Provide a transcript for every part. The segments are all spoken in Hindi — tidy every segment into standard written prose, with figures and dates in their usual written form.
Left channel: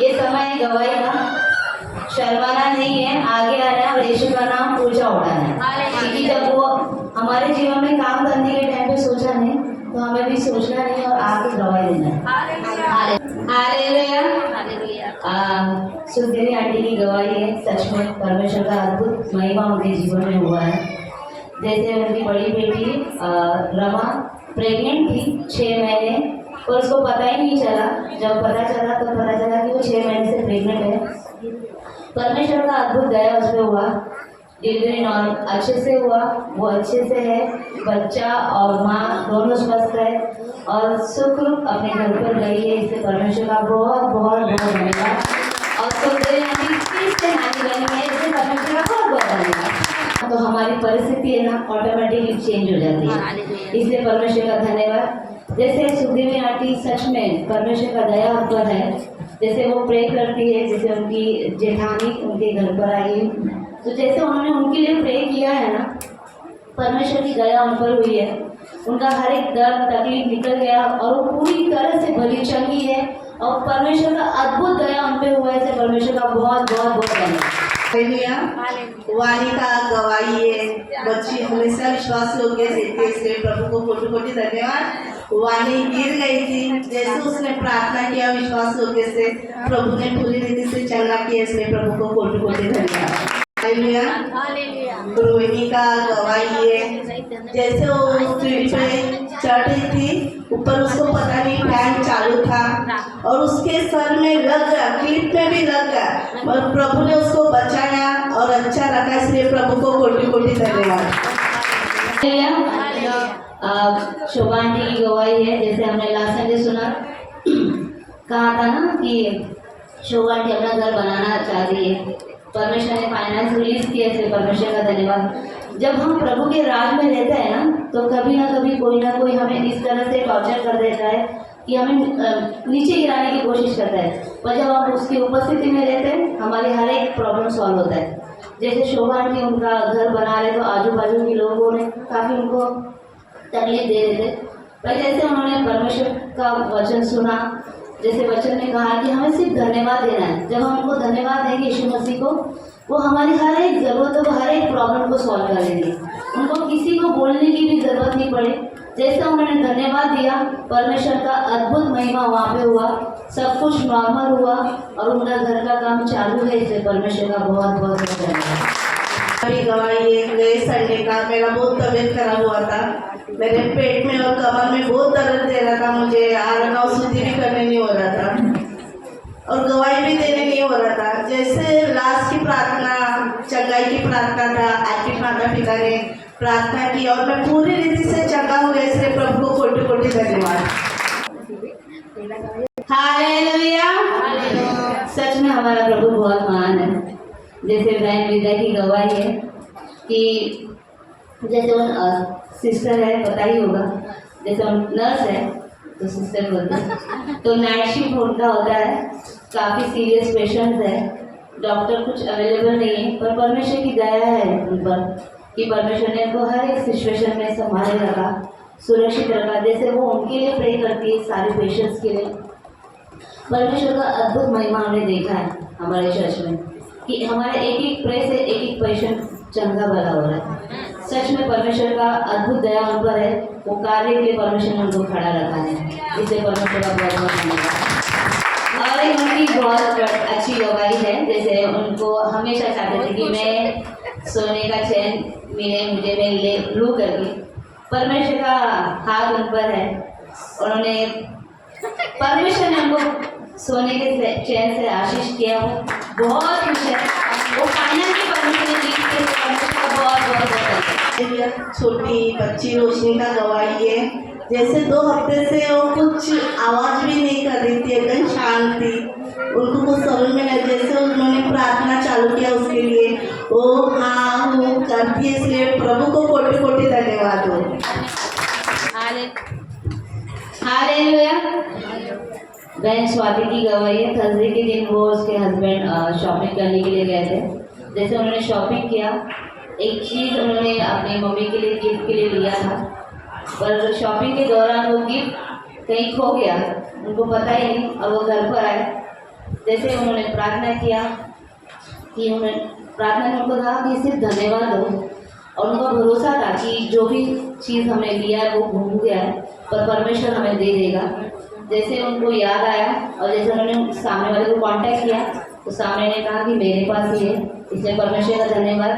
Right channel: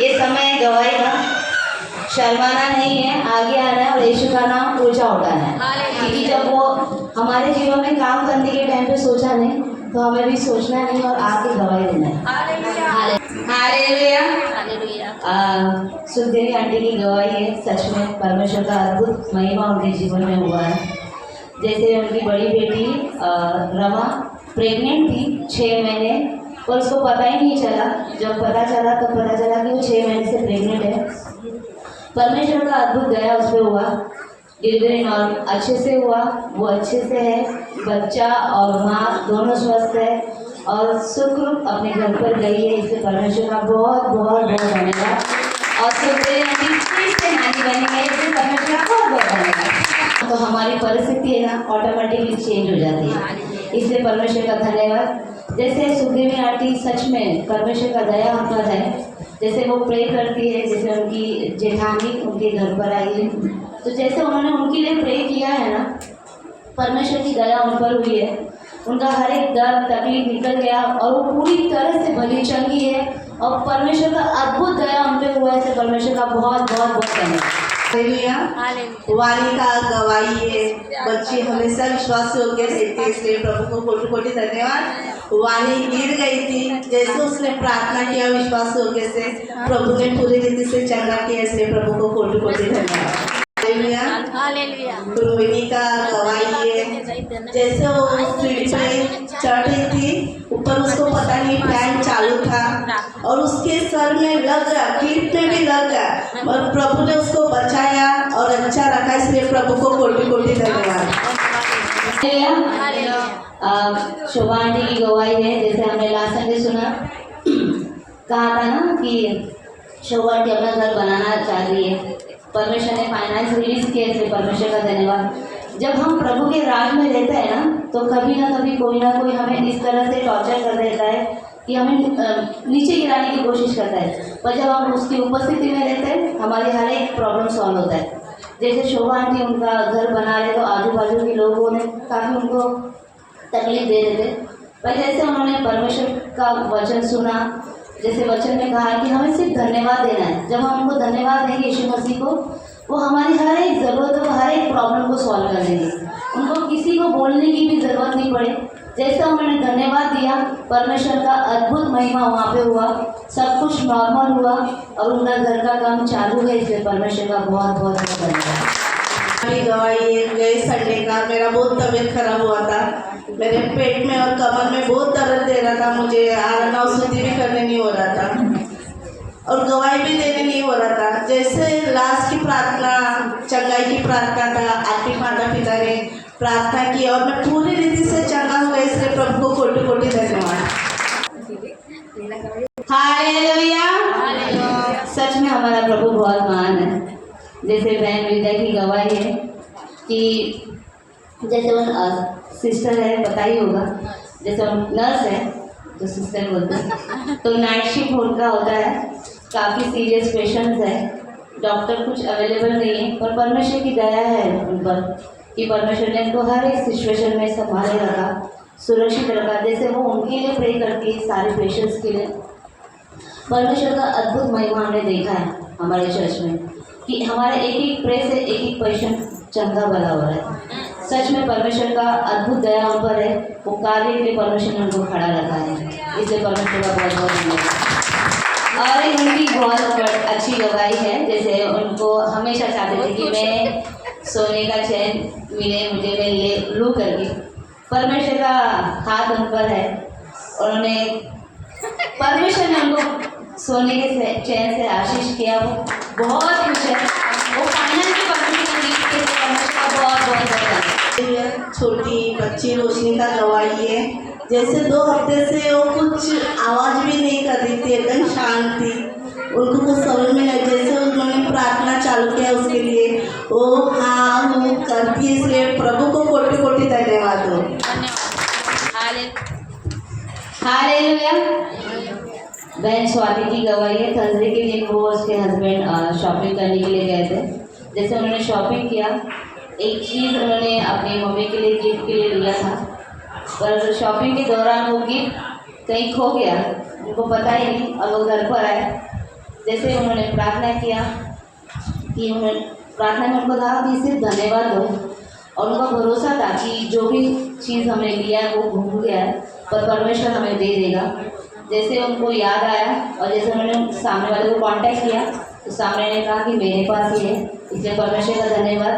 ये समय है गवाही का, शर्माना नहीं है, आगे आना है और यीशु का नाम ऊंचा उठाना है। क्योंकि जब वो हमारे जीवन में काम करने के टाइम पे सोचा नहीं, तो हमें भी सोचना नहीं और आगे गवाही देना है। हालेलुया। सुखदेवी आंटी की गवाही है, सच में परमेश्वर का अद्भुत महिमा उनके जीवन में हुआ है। जैसे उनकी बड़ी बेटी रमा प्रेग्नेंट थी 6 महीने, पर उसको पता ही नहीं चला। जब पता चला तो पता चला कि वो 6 महीने से प्रेग्नेंट है। परमेश्वर का अद्भुत दया उस पर हुआ, डिलीवरी नॉर्मल अच्छे से हुआ, वो अच्छे से है, बच्चा और माँ दोनों स्वस्थ है और सुखरूप अपने घर पर गई है। इससे परमेश्वर का बहुत बहुत बहुत धन्यवाद। और सुखदेवी आंटी फिर से नानी बनी है, इससे परमेश्वर का बहुत बहुत धन्यवाद। तो हमारी परिस्थिति है ना ऑटोमेटिकली चेंज हो जाती है, इसलिए परमेश्वर का धन्यवाद। जैसे सुखदेवी आंटी सच में परमेश्वर का दया उन पर है, जैसे वो प्रे करती है, जैसे उनकी जेठानी उनके घर पर आई है, तो जैसे उन्होंने उनके लिए प्रे किया है ना, परमेश्वर की दया उन पर हुई है। उनका हर एक दर्द तकलीफ निकल गया और वो पूरी तरह से भली चंगी है और परमेश्वर का अद्भुत दया उन पर हुआ है। परमेश्वर का बहुत बहुत बहुत धन्यवाद। वाणी का गवाही है, बच्ची हमेशा विश्वास योग्य रहती है, इसलिए प्रभु को कोटि कोटि धन्यवाद। वाणी गिर गई थी, जैसे उसने प्रार्थना किया विश्वास योग्य से, प्रभु ने पूरी रीति से चंगा किया, इसलिए प्रभु को कोटि कोटि धन्यवाद। रोहिणी का गवाही है, जैसे वो सीढ़ी पे चढ़ रही थी, ऊपर उसको पता नहीं फैन चालू था और उसके सर में लग गया, क्लिप में भी लग गया, और प्रभु ने उसको बचाया और अच्छा रखा, इसलिए प्रभु को कोटि कोटि धन्यवाद। शोभा आंटी की गवाही है, जैसे हमने लास्ट संडे सुना, कहा था ना कि शोभा आंटी अपना घर बनाना चाह रही है, परमेश्वर ने फाइनेंस रिलीज किया, इसलिए परमेश्वर का धन्यवाद। जब हम प्रभु के राज में रहते हैं ना, तो कभी ना कभी कोई ना कोई हमें इस तरह से टॉर्चर कर देता है कि हमें नीचे गिराने की कोशिश करता है, पर जब हम उसकी उपस्थिति में रहते हैं, हमारी हर एक प्रॉब्लम सॉल्व होता है। जैसे शोभा आंटी उनका घर बना रहे, तो आजू बाजू के लोगों ने काफ़ी उनको तकलीफ दे रहे थे, पर जैसे उन्होंने परमेश्वर का वचन सुना, जैसे वचन में कहा कि हमें सिर्फ धन्यवाद देना है। जब हम उनको धन्यवाद देंगे यीशु मसीह को, वो हमारी हर एक ज़रूरतों को, हर एक प्रॉब्लम को सॉल्व कर देंगे। उनको किसी को बोलने की भी ज़रूरत नहीं पड़े। जैसे उन्होंने धन्यवाद दिया, परमेश्वर का अद्भुत महिमा वहाँ पे हुआ, सब कुछ नॉर्मल हुआ और उनका घर का काम चालू है, इसलिए परमेश्वर का बहुत बहुत धन्यवाद। मेरी गवाही है, गए संडे का मेरा बहुत तबीयत खराब हुआ था, मेरे पेट में और कमर में बहुत दर्द दे रहा था, मुझे आराम और शुद्धि भी करने नहीं हो रहा था और गवाही भी देने नहीं हो रहा था। जैसे लास्ट की प्रार्थना, चंगाई की प्रार्थना था, आपके माता पिता ने प्रार्थना की और मैं पूरी रीति से चंगा हो गया, इसलिए प्रभु को कोटि कोटि धन्यवाद। हालेलुया। सच में हमारा प्रभु बहुत महान है। जैसे बहन विद्या की गवाही है कि जैसे उन सिस्टर है, पता ही होगा, जैसे उन नर्स है तो सिस्टर बोलते हैं, तो नाइट शिफ्ट उनका होता है, काफ़ी सीरियस पेशेंट्स है, डॉक्टर कुछ अवेलेबल नहीं है, पर परमेश्वर की दया है उन पर कि परमेश्वर ने उनको हर एक सिचुएशन में संभाले रखा, सुरक्षित रखा। जैसे वो उनके लिए प्रे करती है, सारे पेशेंट्स के लिए। परमेश्वर का अद्भुत महिमा हमने देखा है हमारे चर्च में कि हमारे एक एक प्रे से एक एक पेशेंट चंगा भला हो रहा है। सच में परमेश्वर का अद्भुत दया उन पर है, वो कार्य के लिए परमेश्वर ने उनको खड़ा रखा है, इसलिए परमेश्वर का बहुत बहुत धन्यवाद। और उनकी बहुत अच्छी गवाही है, जैसे उनको हमेशा चाहते थे कि मैं सोने का चैन मिले मुझे, मैं ले लूँ करके। परमेश्वर का हाथ उन पर है, उन्होंने परमेश्वर ने उनको सोने के चैन से आशीष किया, वो बहुत खुश है, वो फाइनेंस की परमेश्वर ने दी, परमेश्वर का बहुत बहुत धन्यवाद। छोटी बच्ची रोशनी का गवाही है, जैसे 2 हफ्ते से वो कुछ आवाज़ भी नहीं कर रही थी, एकदम शांत थी, उनको कुछ समझ में नहीं। जैसे उन्होंने प्रार्थना चालू किया उसके लिए, वो हाँ वो करती है, इसलिए प्रभु को कोटि कोटि धन्यवाद हो। हालेलुया। बहन स्वाति की गवाही है, थर्सडे के दिन वो उसके हस्बैंड शॉपिंग करने के लिए गए थे। जैसे उन्होंने शॉपिंग किया, एक चीज़ उन्होंने अपनी मम्मी के लिए गिफ्ट के लिए लिया था, पर शॉपिंग के दौरान वो गिफ्ट कहीं खो गया, उनको पता ही नहीं। अब वो घर पर आए जैसे उन्होंने प्रार्थना किया कि उन्होंने प्रार्थना में उनको कहा कि सिर्फ धन्यवाद दो, और उनका भरोसा था कि जो भी चीज़ हमने लिया है वो घूम गया है, पर परमेश्वर हमें दे देगा। जैसे उनको याद आया और जैसे उन्होंने सामने वाले को कांटेक्ट किया तो सामने ने कहा कि मेरे पास ही है, इसलिए परमेश्वर का धन्यवाद।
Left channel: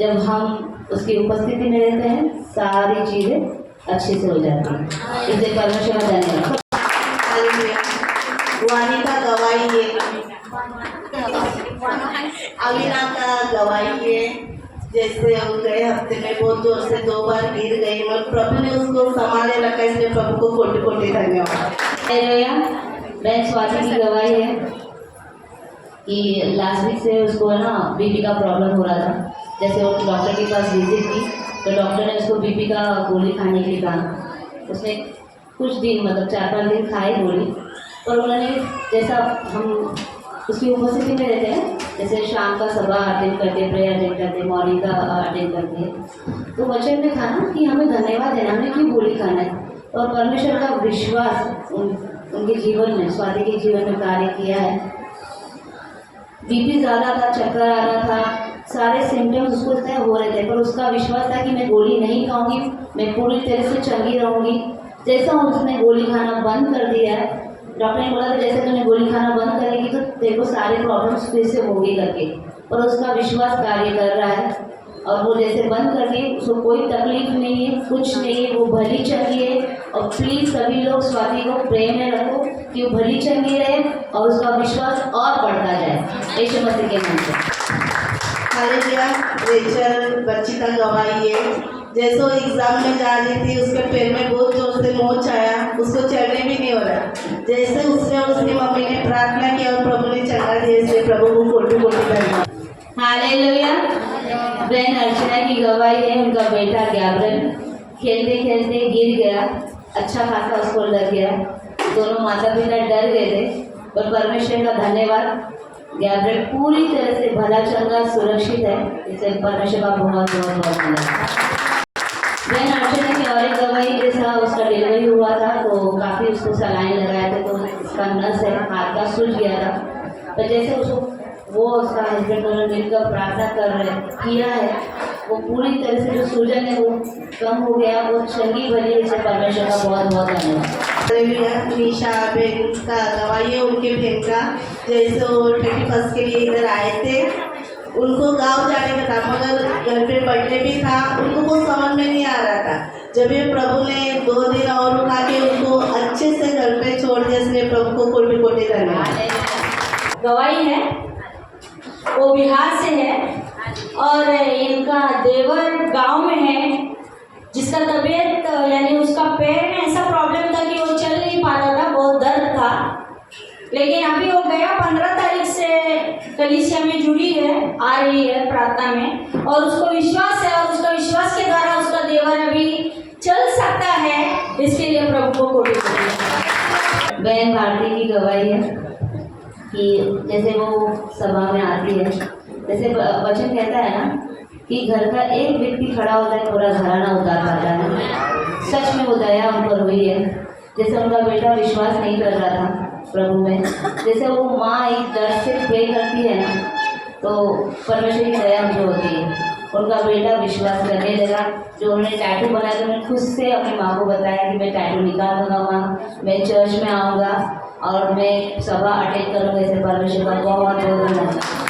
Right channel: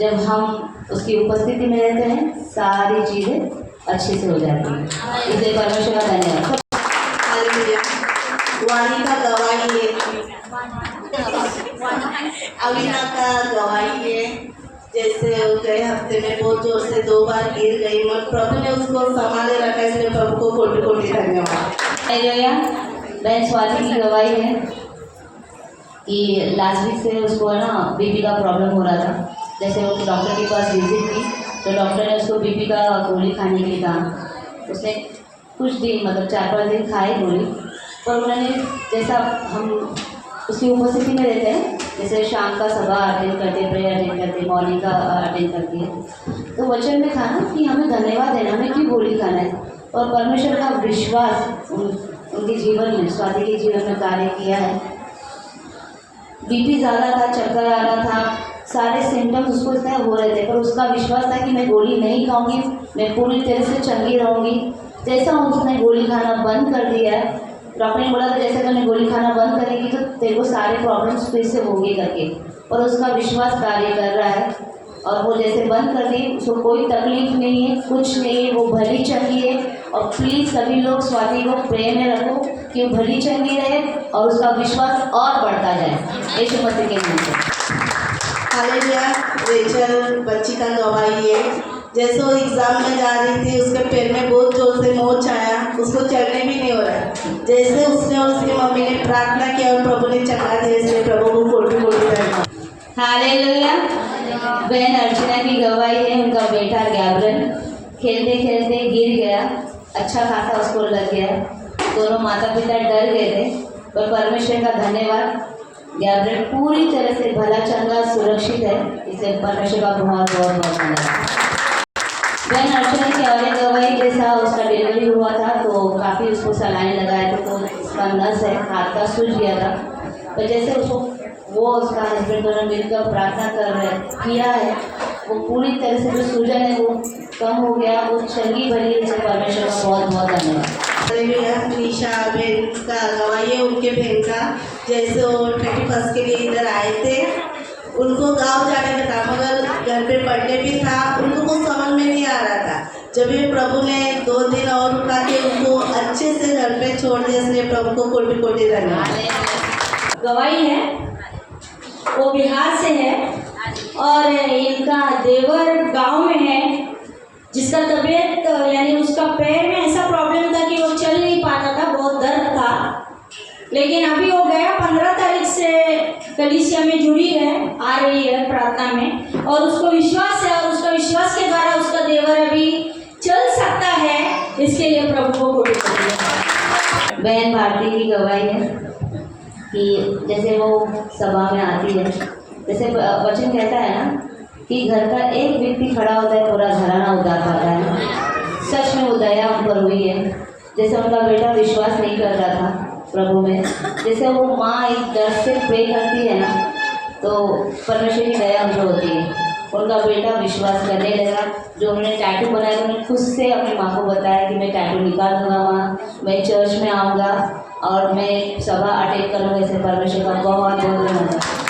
जब हम उसकी उपस्थिति में रहते हैं सारी चीज़ें अच्छे से हो जाती हैं, इसलिए परमेश्वर का धन्यवाद। हालेलुया। वाणी का गवाही है, अविना का गवाही है। जैसे वो गए हफ्ते में बहुत जोर से 2 बार गिर गई, मगर प्रभु ने उसको संभाले रखा, इसलिए प्रभु को कोटि कोटि धन्यवाद। हालेलुया। बहन स्वाति की गवाही है कि लास्ट वीक से उसको ना बीपी का प्रॉब्लम हो रहा था। जैसे वो डॉक्टर के पास विजिट की तो डॉक्टर ने उसको बीपी का गोली खाने के लिए कहा। उसने कुछ दिन मतलब 4-5 दिन खाए गोली, पर उन्होंने जैसा हम उसकी उपस्थिति में रहते हैं, जैसे शाम का सभा अटेंड करते, प्रेयर अटेंड करते, मॉर्निंग का अटेंड करती है, तो वचन में था ना कि हमें धन्यवाद देना, हमें क्यों गोली खाना है। और परमेश्वर का विश्वास उनके जीवन में, स्वाति के जीवन में कार्य किया है। बीपी ज़्यादा था, चक्कर आ रहा था, सारे सिम्टम्स उसको इस तरह हो रहे थे, पर उसका विश्वास था कि मैं गोली नहीं खाऊंगी, मैं पूरी तरह से चंगी रहूंगी। जैसा उसने गोली खाना बंद कर दिया है, डॉक्टर ने बोला था जैसे तुमने गोली खाना बंद करेगी तो तेरे को सारे प्रॉब्लम्स फिर से होंगे करके, और उसका विश्वास कार्य कर रहा है। और वो जैसे बंद कर दी, उसको कोई तकलीफ नहीं है, कुछ नहीं है, वो भली चंगी है। और प्लीज़ सभी लोग स्वाति को प्रेम में रखो कि वो भली चंगी रहे और उसका विश्वास और बढ़ता जाए, यीशु मसीह के नाम से। हालेलुया। रेचल बच्ची का गवाही है। जैसे वो एग्जाम में जा रही थी, उसके पैर में बहुत जोर से मोच आया, उसको चलने भी नहीं हो रहा। जैसे उसने और उसकी मम्मी ने प्रार्थना की और प्रभु ने चंगा दिया, इसलिए प्रभु को कोटि कोटि धन्यवाद। हालेलुया। बहन अर्चना की गवाही है, उनका बेटा गैब्रियल खेलते खेलते गिर गया, अच्छा खासा उसको लग गया। दोनों माता पिता डर गए थे, पर परमेश्वर का धन्यवाद, गैब्रियल पूरी तरह से भला चंगा सुरक्षित है, इसे परमेश्वर का बहुत बहुत बहुत धन्यवाद। बहन अर्चना की और एक गवाही, जैसा उसका डिलीवरी हुआ था तो काफ़ी उसको सलाइन लगाए थे, तो उसका नस है हाथ का सूज गया था। पर जैसे उसको वो उसका हस्बैंड दोनों मिलकर प्रार्थना कर रहे हैं, कीड़ा है वो पूरी तरह से जो सूजन है वो कम हो गया, वो चंगी भली, इसे परमेश्वर का बहुत बहुत धन्यवाद। निशा बहन का गवाही है, उनके बहन का। जैसे वो 31 के लिए इधर आए थे, उनको गांव जाने का था, मगर घर पे बर्थडे भी था, उनको कुछ समझ में नहीं आ रहा था। जब ये प्रभु ने 2 दिन और रुका के उनको अच्छे से घर पे छोड़ दिया, इसलिए प्रभु को कोटि कोटि धन्यवाद। गवाही है, वो बिहार से है और इनका देवर गांव में है, जिसका तबीयत यानी उसका पैर में ऐसा प्रॉब्लम था कि वो चल नहीं पाता था, बहुत दर्द था। लेकिन अभी वो गया 15 तारीख से कलीसिया में जुड़ी है, आ रही है प्रार्थना में, और उसको विश्वास है और उसका विश्वास के द्वारा उसका देवर अभी चल सकता है, इसके लिए प्रभु को कोटि कोटि धन्यवाद। बहन भारती की गवाही है कि जैसे वो सभा में आती है, जैसे वचन कहता है ना कि घर का एक व्यक्ति खड़ा होता है, पूरा घराना उतार पाता है। सच में वो दया उन पर हुई है। जैसे उनका बेटा विश्वास नहीं कर रहा था प्रभु में, जैसे वो माँ एक दर्द से प्रे करती है ना, तो परमेश्वर की दया उन पर होती है। उनका बेटा विश्वास करने लगा। जो उन्होंने टैटू बनाया, उन्होंने खुद से अपनी माँ को बताया कि मैं टैटू निकाल दूंगा माँ, मैं चर्च में आऊँगा और मैं सभा अटेंड करूँगा, इसे परमेश्वर का बहुत बहुत धन्यवाद।